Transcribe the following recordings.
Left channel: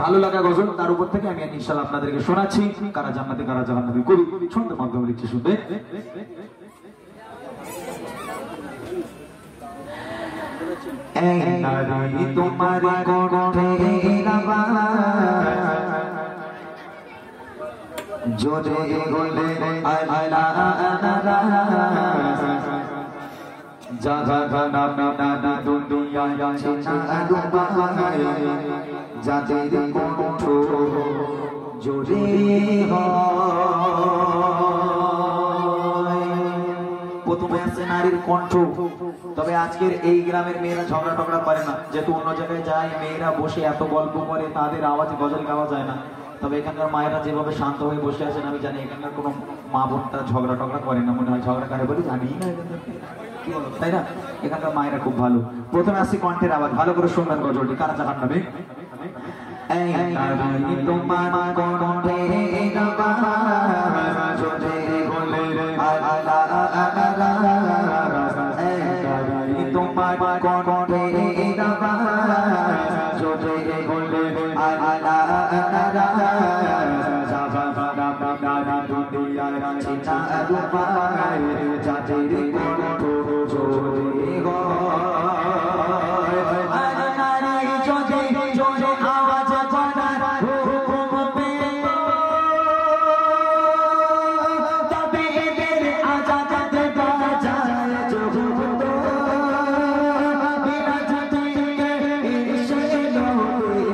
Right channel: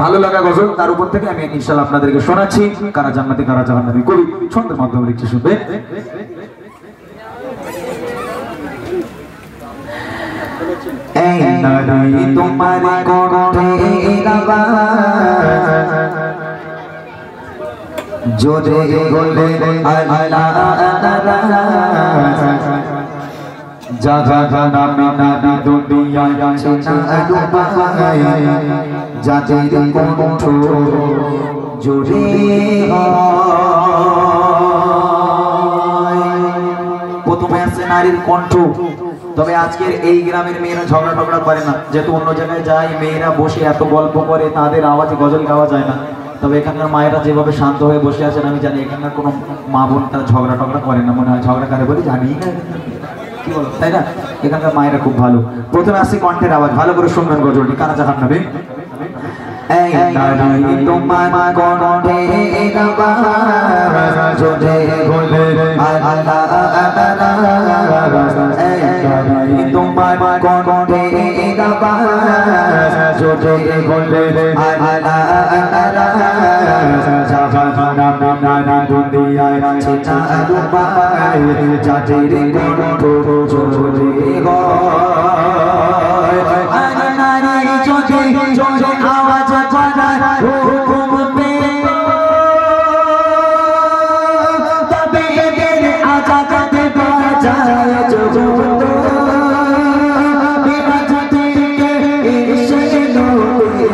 ভালো লাগা গজল তার উপর থেকে আমি ইনশাআল্লাহ আপনাদেরকে শোনাচ্ছি কারা জান্নাতি কারা জাহান্নামী কবি ছন্দের মাধ্যমে লিখছি শুনবে। এই নারী তোমার কণ্ঠের আওয়াজ জোরে বলে আল্লাহ যারা নামে নারী দুনিয়ায় চেনা রূপায় যাদের কণ্ঠ জোরে প্রথমে আছে নারীর কণ্ঠ। তবে আজকের এই গ্রামের মেয়েরা ঝগড়া টগড়া করে না, যেহেতু অন্য জায়গায় যায় মেয়েরা বসে এত গল্প করে তাদের আওয়াজে গজল গাওয়া যায় না। তবে এখানকার মায়েরা যেভাবে শান্ত হয়ে বসে আছেন আমি জানি এখানকার কোনো মা বোন তারা ঝগড়া টগড়া করে না, মনে হয় ঝগড়া করে বলে জানি না, কি বলো তাই না? এখানকার মায়েরা খুব ভালো। প্রথমে আসি কণ্ঠের আওয়াজ, ভালো করে শুনবেন গজলটি কারা জাহান্নামী। এই নারী তোমার কণ্ঠের আওয়াজ জোরে বলে আল্লাহ এই নারী তোমার কণ্ঠের আওয়াজ জোরে বলে আল্লাহ জাহান্নামী নারী দুনিয়ায় চেনা রূপায় যাদের কণ্ঠ জোরে হয় আরে নারী জোরে জোরে আওয়াজ করার হুকুম পে তবে এদের আজাদ দেওয়া যায় যত বিরাজ থেকে এসে লোকে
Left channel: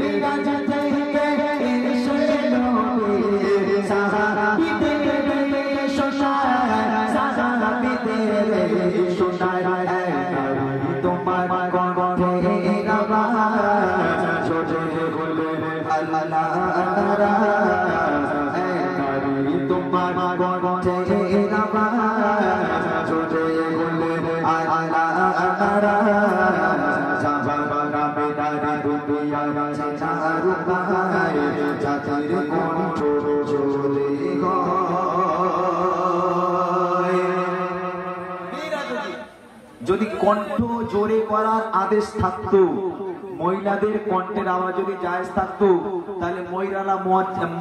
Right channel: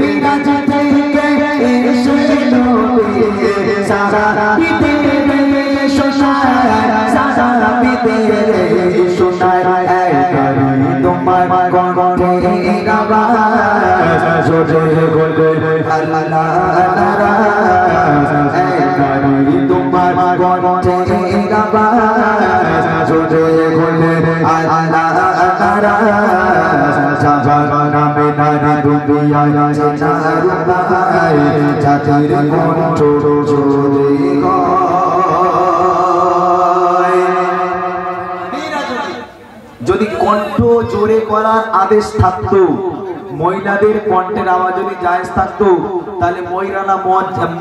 বিরাজ থেকে এসে লোকে সারা বিতেরে শোনায় সারা বিতেরে শোনায় এই নারী তোমার কণ্ঠের আওয়াজ জোরে বলে আল্লাহ এই নারী তোমার কণ্ঠের আওয়াজ জোরে বলে আল্লাহ জাহান্নামী নারী দুনিয়ায় চেনা রূপায় যাদের কণ্ঠ জোরে হয়। যদি কণ্ঠ জোরে করার আদেশ থাকতো, মহিলাদের কণ্ঠের আওয়াজ যদি জায়েজ থাকতো, তাহলে মহিলারা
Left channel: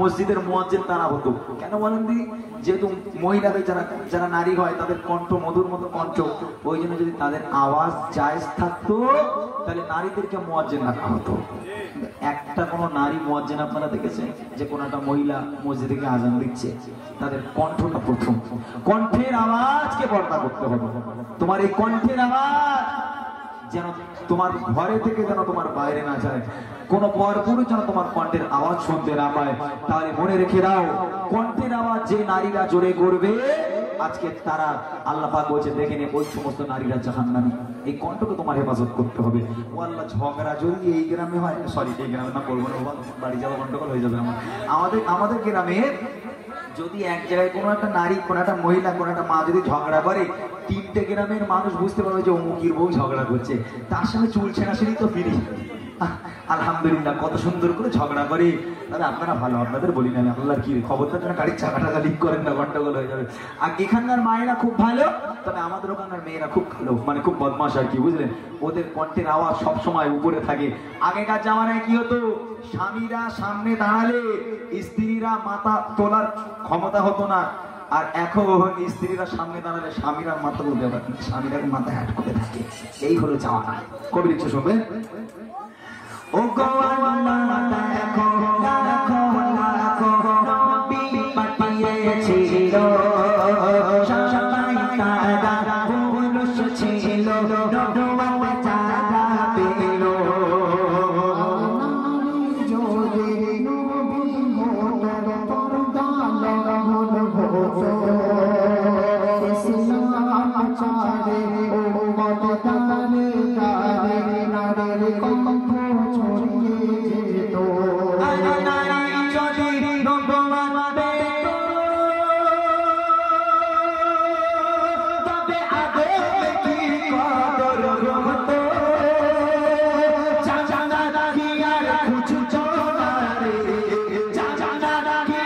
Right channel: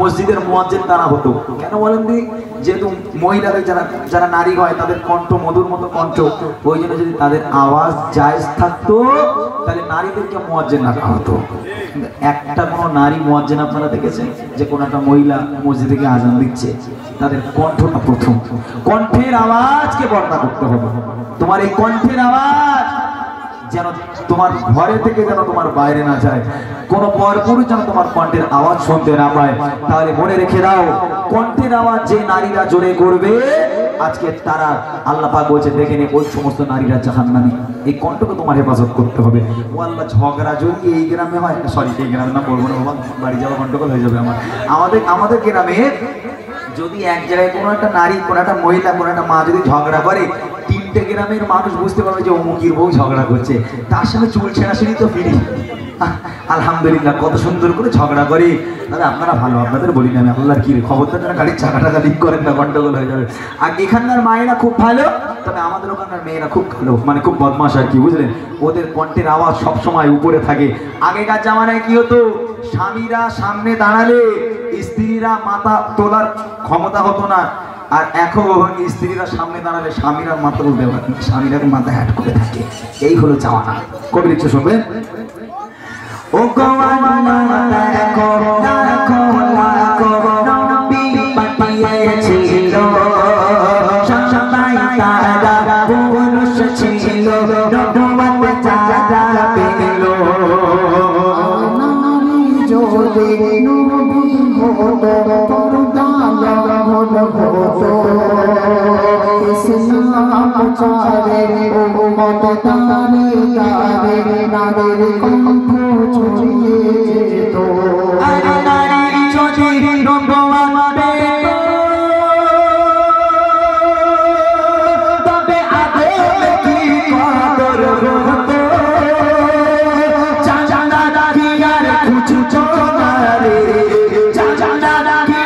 মসজিদের মুয়াজ্জিন তারা হতো। কেন বলেন দি? যেহেতু মহিলাদের যারা নারী হয় তাদের কণ্ঠ মধুর মতো কণ্ঠ, ওই জন্য যদি তাদের আওয়াজ জায়েজ থাকতো তাহলে নারীদেরকে মুয়াজ্জিন রাখা হতো। একটা কোনো নারী মুয়াজ্জিন আপনারা দেখেছেন যে কোনো একটা মহিলা মসজিদ থেকে আজান দিচ্ছে, তাদের কণ্ঠটা প্রথম, কণ্ঠের আওয়াজকে বর্ণনা করতে হবে। তোমার এই কণ্ঠের আওয়াজ যেন তোমার ঘরে থেকে যেন তোমার বাইরে না যায়, কোন পরপুরুষ যেন তোমার কণ্ঠের আওয়াজ শুনতে না পায়। তাহলে মনে রেখে দাও, কণ্ঠের আওয়াজ যে নারীরা জোরে করবে আজকে তারা আল্লাহ পাক বলছে দেখে নে ওই সমস্ত নারীরা জাহান্নামী। এই কণ্ঠকে তোমার হেফাজত করতে হবে। ও আল্লাহ, ঝগড়া যদি এই গ্রামে হয়, সরি এই গ্রামে না বলবো না, বাড়ি যাওয়া গন্ডগোল হয়ে যাবে আমার। আমাদের গ্রামে যদি এক জায়গায় কোনো একটা নারী, কোনো একটা মহিলা, কোনো একটা মা যদি ঝগড়া করে, তিনটে গ্রামের মানুষ বুঝতে পারবে যে অমুকির বউ ঝগড়া করছে, তার সঙ্গে চুল ছেঁড়াছিড়ি তো ফিরি। আলহামদুলিল্লাহ, কত সুন্দর করে ঝগড়া করে। তাহলে আপনারা ভালো, আপনাদের বলি না আমি, আপনার কি খবরটা যেন গাড়ির চাকাটা লিক করেন না, গন্ডগোল হয়ে যাবে। আর এখানকার মায়েরা খুব ভালো, তবে আমাদের ওখানকার মেয়েরা খুব ভালো, মানে খুব বদমাশ আর কি, বুঝলেন? ওদের কণ্ঠের আওয়াজ সবসময় উপরে থাকে। আগেকার জামানায় কি হতো, স্বামীরা সামনে দাঁড়ালে স্ত্রীরা মাথা তোলার ক্ষমতা হতো না। আর এখন স্ত্রীরা সামনে দাঁড়ালে স্বামীরা মাথা তুলতে পারে, স্বামীরা মাথা হ্যাট করে থাকে। এই হলো জামানা। কবি লিখছে শুনবেন। ও গোয়ানা দেখো দেখো লাখো নবী পাঠিয়েছিল, সবাই তারা পুরুষ ছিল, নবুয়ত যারা পেল। নারী যদি নবী হতো পর্দা হলো হতো, ইসলাম প্রচারে উম্মত তারে তারে নারীর কণ্ঠ ছড়িয়ে যেত। আরে নারী যদি রঙ্গওয়ান পেত, তবে আগে কি কদর হতো, জানা কি আর খুঁজছো না রে, জানা কি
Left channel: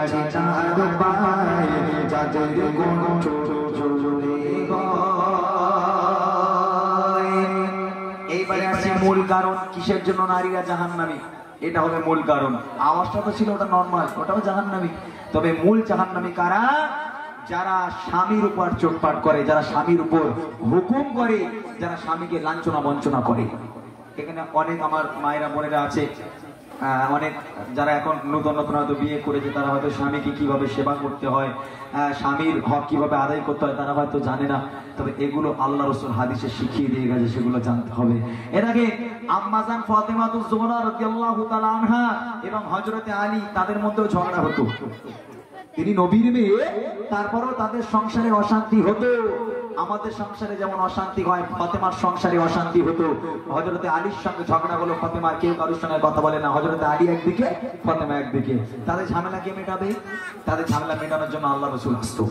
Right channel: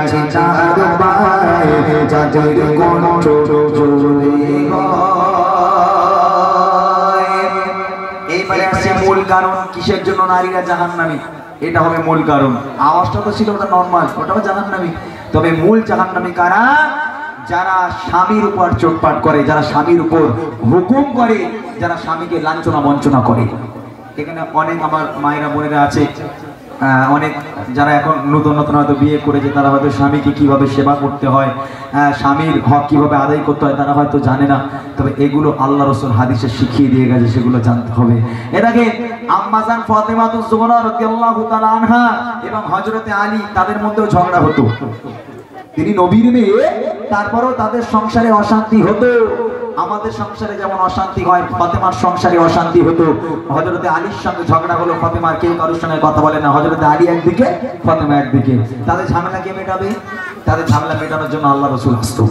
আছে চাঁদ পায় যাদের কণ্ঠ জোরে হয়। এইবারে আসছে মূল কারণ কিসের জন্য নারীরা জাহান্নামী, এটা হবে মূল কারণ। আওয়াজটা তো ছিল ওটা নরমাল, ওটাও জাহান্নামী। তবে মূল জাহান্নামী কারা? যারা স্বামীর উপর চোটপাট করে, যারা স্বামীর উপর হুকুম করে, যারা স্বামীকে লাঞ্ছনা বঞ্চনা করে। এখানে অনেক আমার মায়েরা বোনেরা আছে, অনেক যারা এখন নতুন নতুন হয়তো বিয়ে করেছে, তারা হয়তো স্বামীকে কিভাবে সেবা করতে হয়, স্বামীর হক কিভাবে আদায় করতে হয় তারা হয়তো জানে না। তবে এগুলো আল্লাহ রাসূল হাদিসে শিখিয়ে দিয়ে গেছে, সেগুলো জানতে হবে। এর আগে আম্মাজান ফাতেমাতুজ জোহরা রাদিয়াল্লাহু তাআলা আনহা এবং হযরতে আলী, তাদের মধ্যেও ঝগড়া হতো। তিনি নবীর মেয়ে, তারপরেও তাদের সংসারে অশান্তি হতো। আমাদের সংসারে যেমন অশান্তি হয়, ফাতেমার সংসারে অশান্তি হতো। হযরতে আলীর সঙ্গে ঝগড়া হলো, ফাতেমার কেউ কারোর সঙ্গে কথা বলে না, হযরতে আলী একদিকে, ফাতেমা একদিকে। তাদের ঝামেলা কে মেটাবে? তাদের ঝামেলা মেটানোর জন্য আল্লাহ রাসূল আসতো।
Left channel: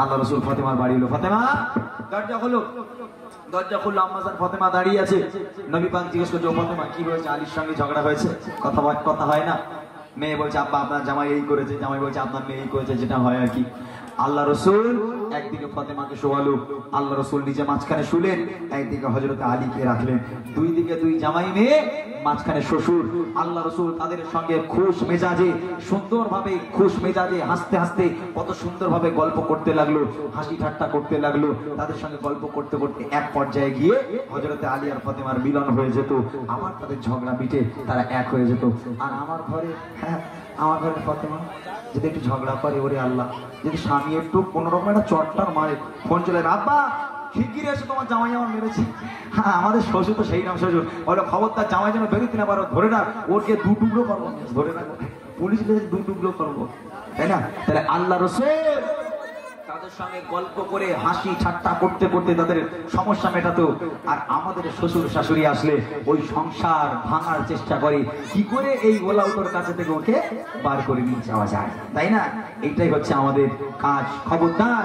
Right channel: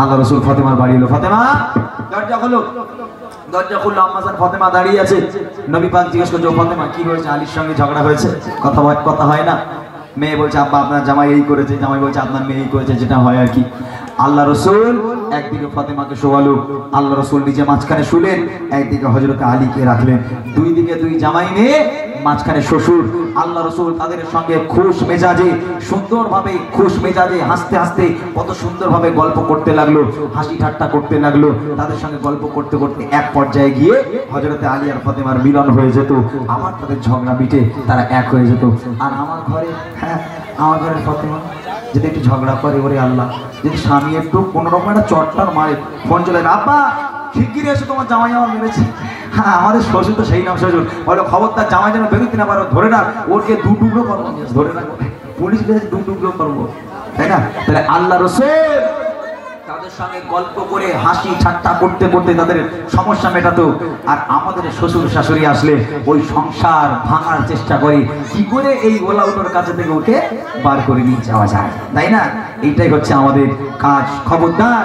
আল্লাহ রাসূল ফাতেমার বাড়ি এলো, ফাতেমা দরজা খোলো। দরজা খুললো, আম্মাজান ফাতেমা দাঁড়িয়ে আছে। নবী পাক জিজ্ঞেস করছে, ও ফাতেমা কি হয়েছে? আলীর সঙ্গে ঝগড়া হয়েছে, কথা হয় না। মেয়ে বলছে, আব্বা আপনার জামাই এই করেছে, জামাই বলছে আপনার মেয়ে এই করেছে, যেটা হয় আর কি। আল্লাহ রাসূল একদিকে ফাতেমাকে শোয়ালো, আল্লাহ রাসূল নিজে মাঝখানে শুলেন, একদিকে হযরতে আলীকে রাখলেন। দুই দিকে দুই জামাই মেয়ে, মাঝখানে শ্বশুর। আল্লাহ রাসূল তাদের সঙ্গে খুশ মেজাজে, সুন্দরভাবে খুশ মেজাজে হাসতে হাসতে কত সুন্দরভাবে গল্প করতে লাগলো, হাসি ঠাট্টা করতে লাগলো। তাদের সঙ্গে গল্প করতে করতে এক পর্যায়ে গিয়ে হযরতে আলী আর ফাতেমার মিলন হয়ে যেত। আবার তাদের ঝগড়া মিটে তারা এক হয়ে যেত। আর আমার ঘরে, আমার ঘরের ফাতেমা যদি একটু ঝগড়া করে, ওরে আল্লাহ, যদি স্বামী একটু কোনোরকম একটা চটটার মারে, ফোন চলে যাবে, আব্বা শিগগিরই এসে তোমার জামাই আমার মেরেছে। আমাদের শ্বশুর তো সেই নাম শ্বশুর, বলো খবরদার জামাই যেন বেরোতে না পারো, ধরে না, ওকে দু টুকরো করবো, ধরে না পুলিশ দু টুকরো করবো, তাই না? তাহলে আল্লাহ রাসূল তাদের সঙ্গে গল্প করে হাসি ঠাট্টা করতে করতে তাদের সমস্যা মেটাতো। আর আমাদের শ্বশুর শাশুড়ি আসলে ওই সংসার ভাঙার চেষ্টা করি, কি করে এই গোলাউটোর কাছে থেকে ওকে বার করে নিয়ে যাওয়া যায়, তাই না? এইটাই হচ্ছে আমাদের কাজ। খবরদার,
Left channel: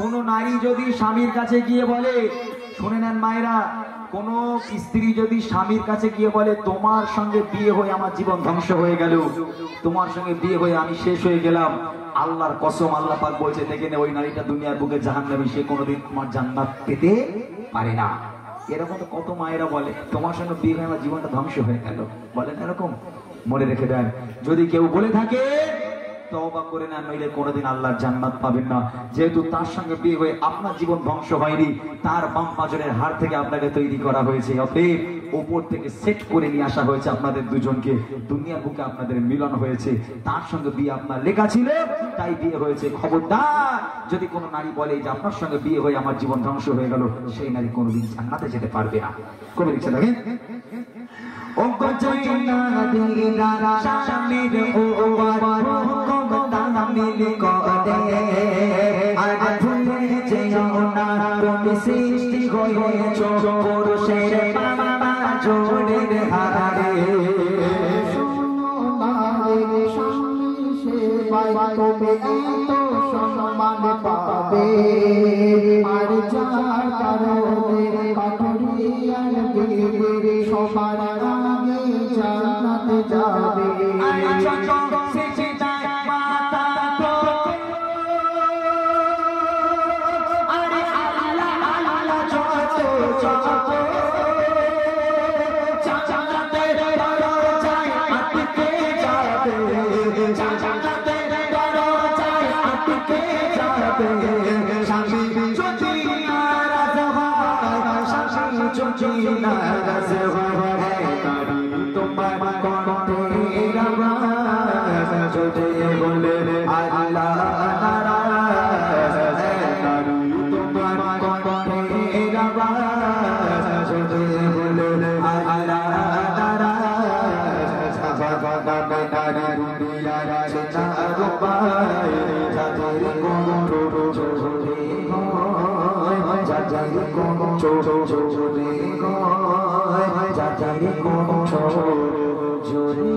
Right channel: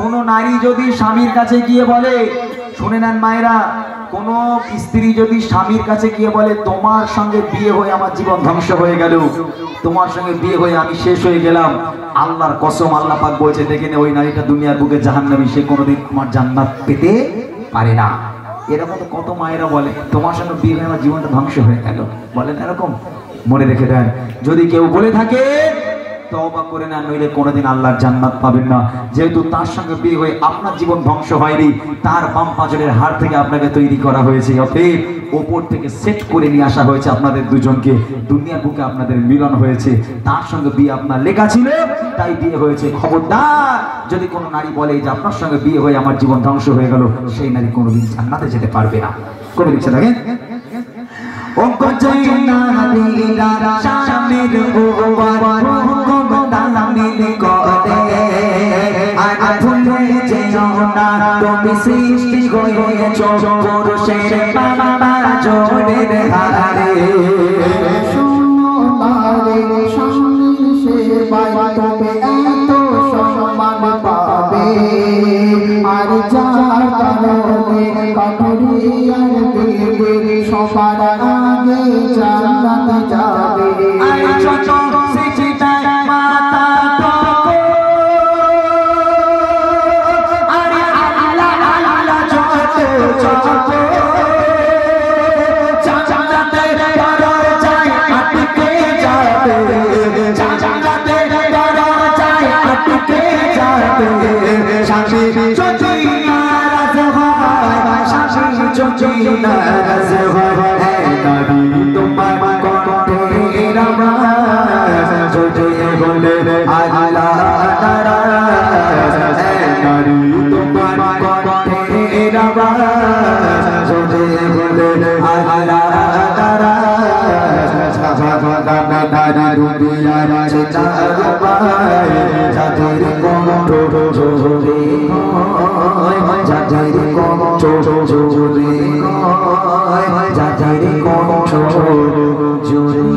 কোন নারী যদি স্বামীর কাছে গিয়ে বলে, শুনে নেন মায়েরা, কোন স্ত্রী যদি স্বামীর কাছে গিয়ে বলে, তোমার সঙ্গে বিয়ে হয়ে আমার জীবন ধ্বংস হয়ে গেল, তোমার সঙ্গে বিয়ে হয়ে আমি শেষ হয়ে গেলাম, আল্লাহর কসম, আল্লাহ পাক বলছে, দেখে নে ওই নারীটা দুনিয়ার বুকে জাহান্নামী, সে কোনোদিন তোমার জান্নাত পেতে পারে না। এরকম কত মায়েরা বলে, তোমার সঙ্গে বিয়ে হয়ে আমার জীবনটা ধ্বংস হয়ে গেল, বলেন এরকম? মনে রেখে দেন, যদি কেউ বলে থাকে তওবা করে না, নইলে কোনোদিন আল্লাহর জান্নাত পাবেন না। যেহেতু তার সঙ্গে বিয়ে হয়ে আপনার জীবন ধ্বংস হয়নি, তার বাম পাঁজরের হাড় থেকে আপনাকে তৈরি করা হয়েছে, অতএব ওপর থেকে সেট করে নিয়ে আসা হয়েছে আপনাদের দুজনকে, দুনিয়ার বুকে আপনাদের মিলন হয়েছে, তার সঙ্গে বিয়ে আপনার লেখা ছিল, তাই বিয়ে হয়েছে। খবরদার, যদি কোনো নারী বলে যে আপনার সঙ্গে বিয়ে হয়ে আমার জীবন ধ্বংস হয়ে গেল, সেই নারী কোনোদিন জান্নাতে যেতে পারবে না। করে দিচ্ছে দেখেন, ও নারীরা স্বামীর উপর সৃষ্টি হয়েছ পুরুষের বাবা জোরের হারে, শোনো নারীর স্বামীর সেবায় তবে এত সম্মান পাবে, আর যার কারণে কাঠুরিয়ার দেবে সবার আগে জান্নাতে যাবে। জুড়ে